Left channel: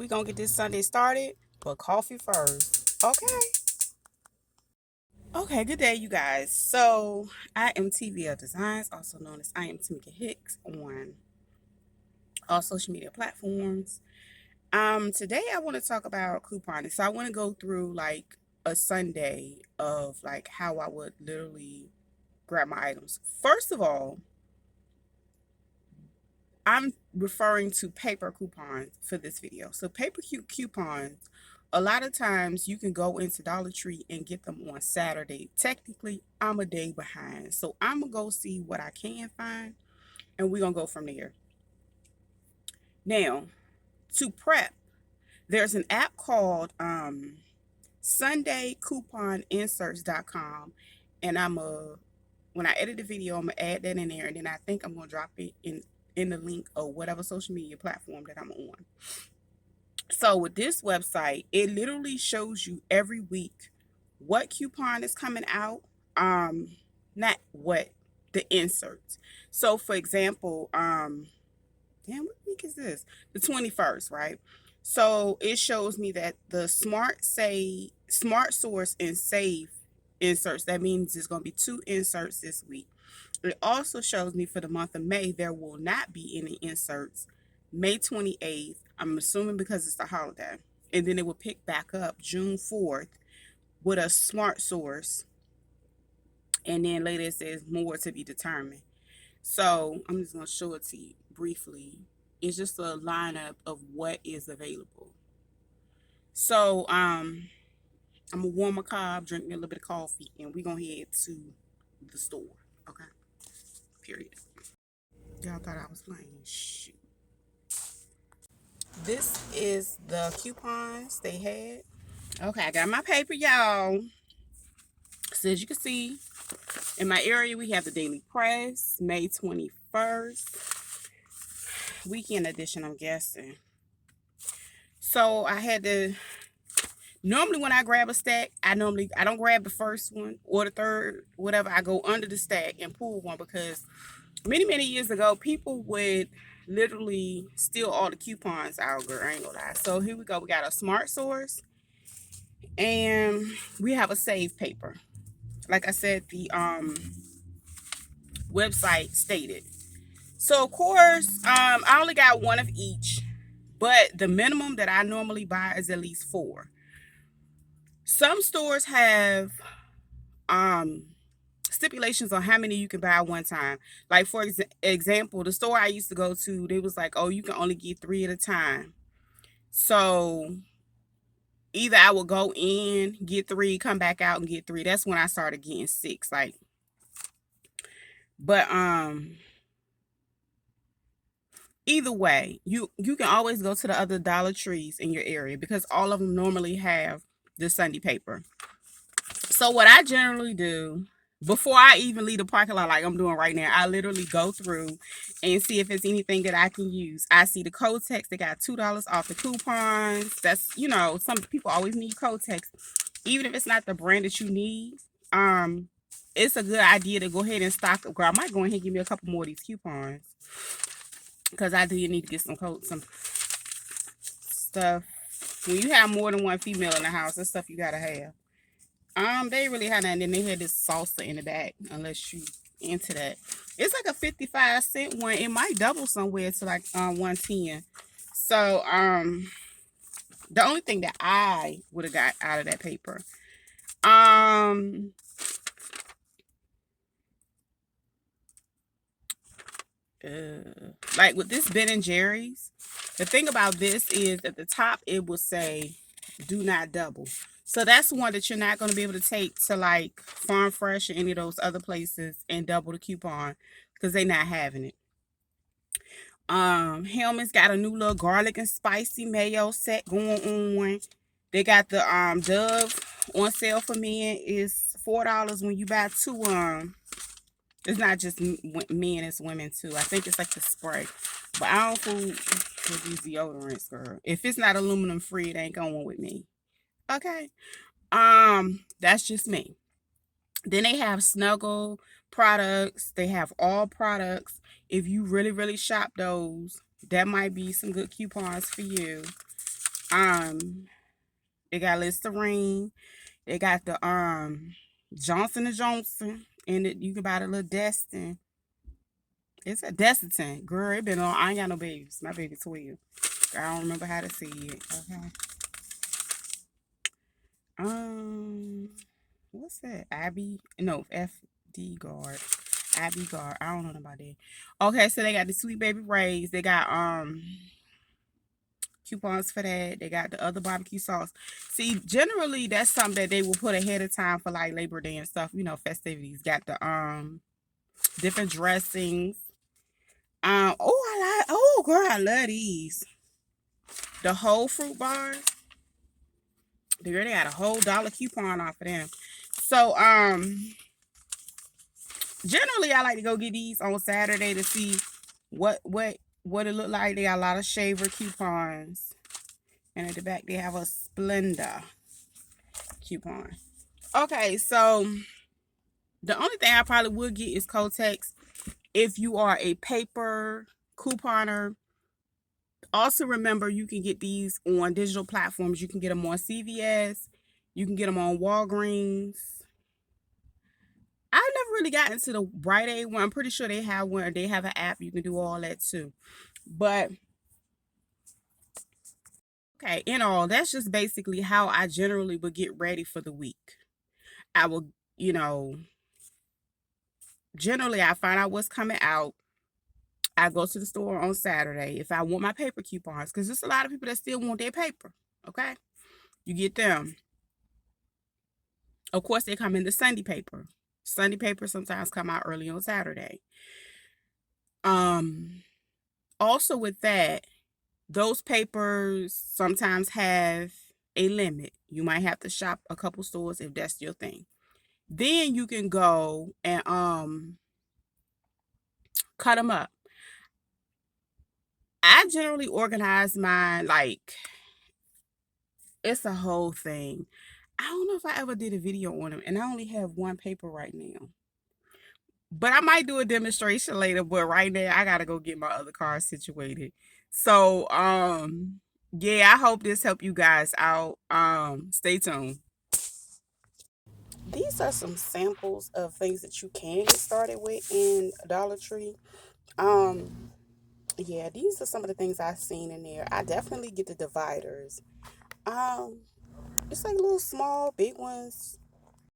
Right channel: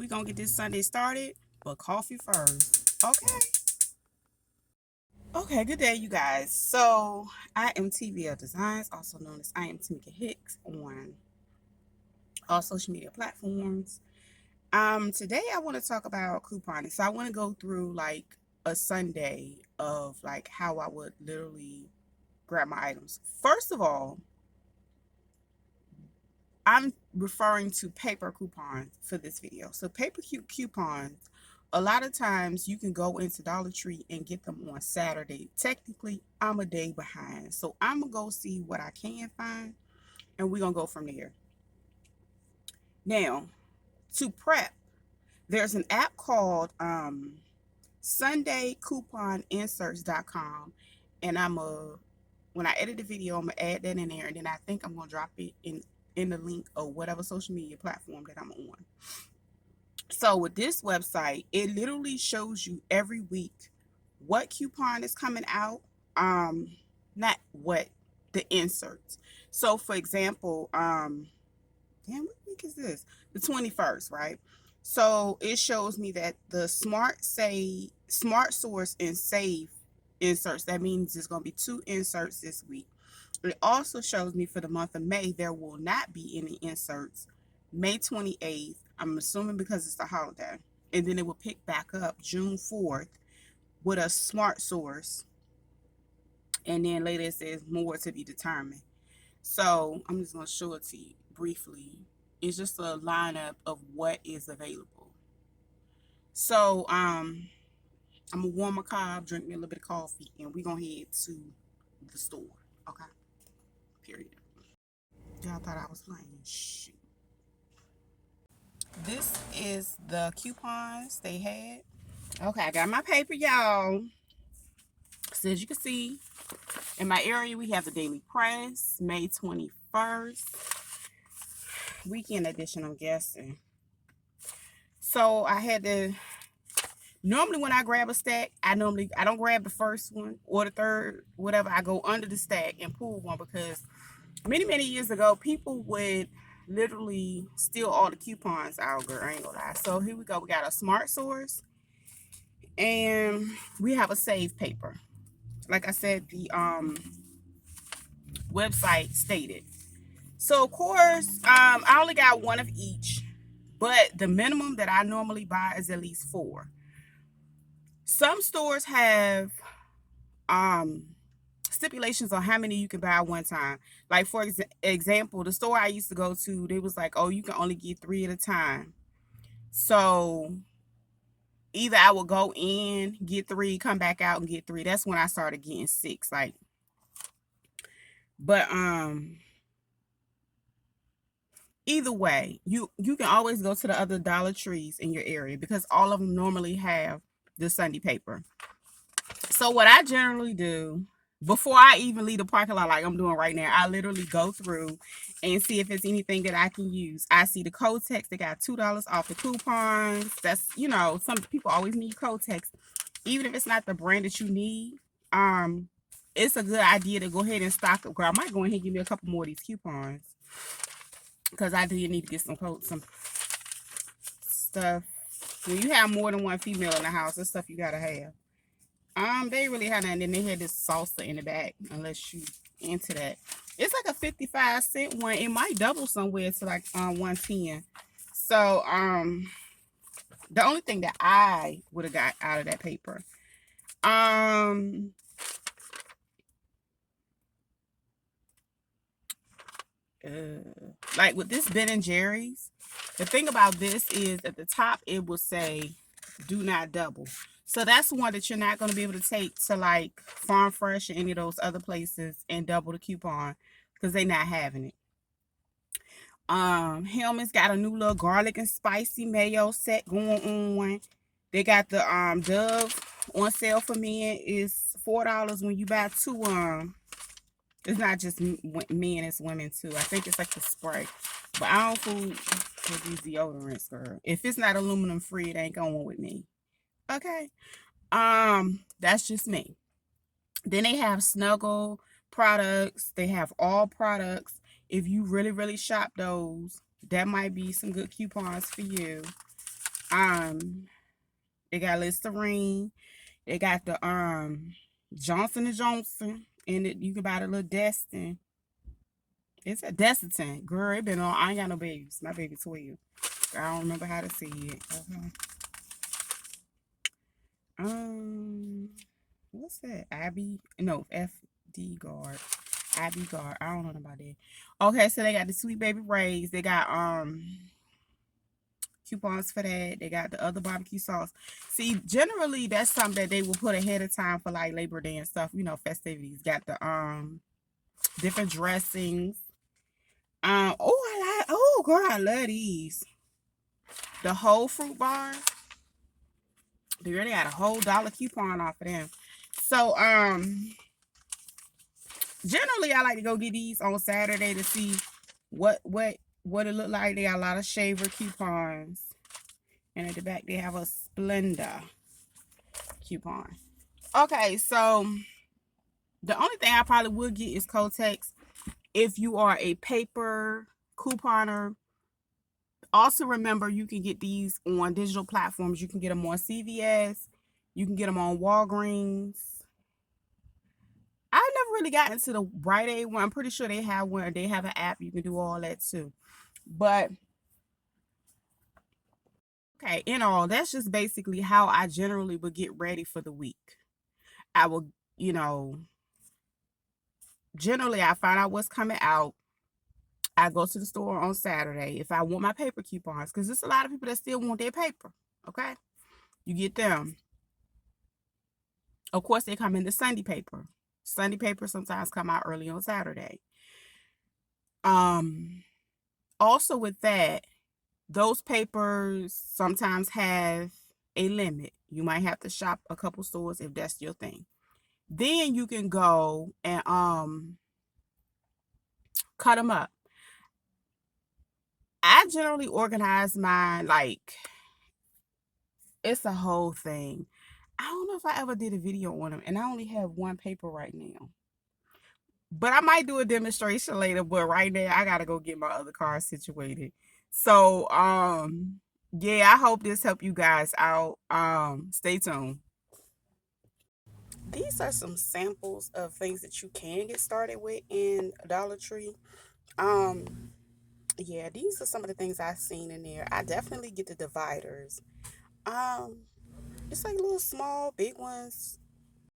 We're going to get this Sunday started, but coffee first. Okay. Okay, good day, you guys. So, I am TVL Designs, also known as I am Tamika Hicks on all social media platforms. Today I want to talk about couponing. So, I want to go through like a Sunday of like how I would literally grab my items. First of all, I'm referring to paper coupons for this video. So paper coupons, a lot of times you can go into Dollar Tree and get them on Saturday. Technically, I'm a day behind. So I'm going to go see what I can find and we're going to go from there. Now, to prep, there's an app called SundayCouponInserts.com, and when I edit the video, I'm going to add that in there, and then I think I'm going to drop it in the link of whatever social media platform that I'm on. So with this website, it literally shows you every week what coupon is coming out, not what, the inserts. So for example, damn, what week is this? The 21st, right? So it shows me that the Smart Source and Save inserts, that means there's going to be 2 inserts this week. It also shows me for the month of May, there will not be any inserts. May 28th, I'm assuming because it's the holiday. And then it will pick back up June 4th with a Smart Source. And then later it says more to be determined. So I'm just going to show it to you briefly. It's just a lineup of what is available. So I'm going to warm my car, drink me a little bit of coffee, and we're going to head to the store. Okay? Period. Y'all thought I was playing. Shoot. This is the coupons they had. Okay, I got my paper, y'all. So as you can see, in my area, we have the Daily Press, May 21st. Weekend edition, I'm guessing. So I had to, normally when I grab a stack, I don't grab the first one or the third, whatever. I go under the stack and pull one because many years ago, people would literally steal all the coupons out, girl. I ain't gonna lie. So here we go. We got a Smart Source and we have a Save paper. Like I said, the website stated. So of course, I only got one of each, but the minimum that I normally buy is at least 4. Some stores have stipulations on how many you can buy at one time. Like for example, the store I used to go to, they was like, oh, you can only get 3 at a time. So either I would go in, get 3, come back out and get 3. That's when I started getting 6. Like, but either way, you can always go to the other Dollar Trees in your area because all of them normally have the Sunday paper. So what I generally do before I even leave the parking lot like I'm doing right now, I literally go through and see if it's anything that I can use. I see the Kotex, they got $2 off the coupons. That's, you know, some people always need Kotex. Even if it's not the brand that you need, it's a good idea to go ahead and stock up. Girl, I might go ahead and give me a couple more of these coupons because I do need to get some stuff. When you have more than one female in the house, that's stuff you gotta have. They really had that, and then they had this salsa in the back, unless you into that. It's like a 55-cent one. It might double somewhere to like 110. So the only thing that I would have got out of that paper, like with this Ben & Jerry's, the thing about this is at the top it will say do not double. So that's one that you're not going to be able to take to like Farm Fresh or any of those other places and double the coupon because they're not having it. Hellmann's got a new little garlic and spicy mayo set going on. They got the Dove on sale for men. Is $4 when you buy 2. It's not just men, it's women too. I think it's like the spray. But I don't fool with these deodorants, girl. If it's not aluminum free, it ain't going with me. Okay. That's just me. Then they have Snuggle products. They have all products. If you really shop those, that might be some good coupons for you. They got Listerine. They got the Johnson and Johnson, and you can buy the little Destin. It's a Desitin. Girl, it been on. I ain't got no babies. My baby 12. I don't remember how to say it. Okay. What's that? Abby? No, FD Guard. Abby Guard. I don't know about that. Okay, so they got the Sweet Baby Rays. They got coupons for that. They got the other barbecue sauce. See, generally that's something that they will put ahead of time for like Labor Day and stuff, festivities. Got the different dressings. Oh girl, I love these. The whole fruit bar. They already had a whole dollar coupon off of them. So generally I like to go get these on Saturday to see what it look like. They got a lot of shaver coupons. And at the back they have a Splenda coupon. Okay, so the only thing I probably would get is Kotex if you are a paper couponer. Also remember, you can get these on digital platforms. You can get them on CVS. You can get them on Walgreens. I never really got into the Rite Aid one. I'm pretty sure they have one. They have an app. You can do all that too. But okay, in all, that's just basically how I generally would get ready for the week. I will, generally I find out what's coming out. I go to the store on Saturday if I want my paper coupons, because there's a lot of people that still want their paper. Okay, you get them. Of course, they come in the Sunday paper. Sunday paper sometimes come out early on Saturday. Also with that, those papers sometimes have a limit. You might have to shop a couple stores if that's your thing. Then you can go and cut them up. I generally organize mine like it's a whole thing. I don't know if I ever did a video on them, and I only have one paper right now. But I might do a demonstration later, but right now I gotta go get my other car situated. So yeah, I hope this helped you guys out. Stay tuned. These are some samples of things that you can get started with in Dollar Tree. Um yeah, these are some of the things I've seen in there. I definitely get the dividers. Um it's like little small, big ones.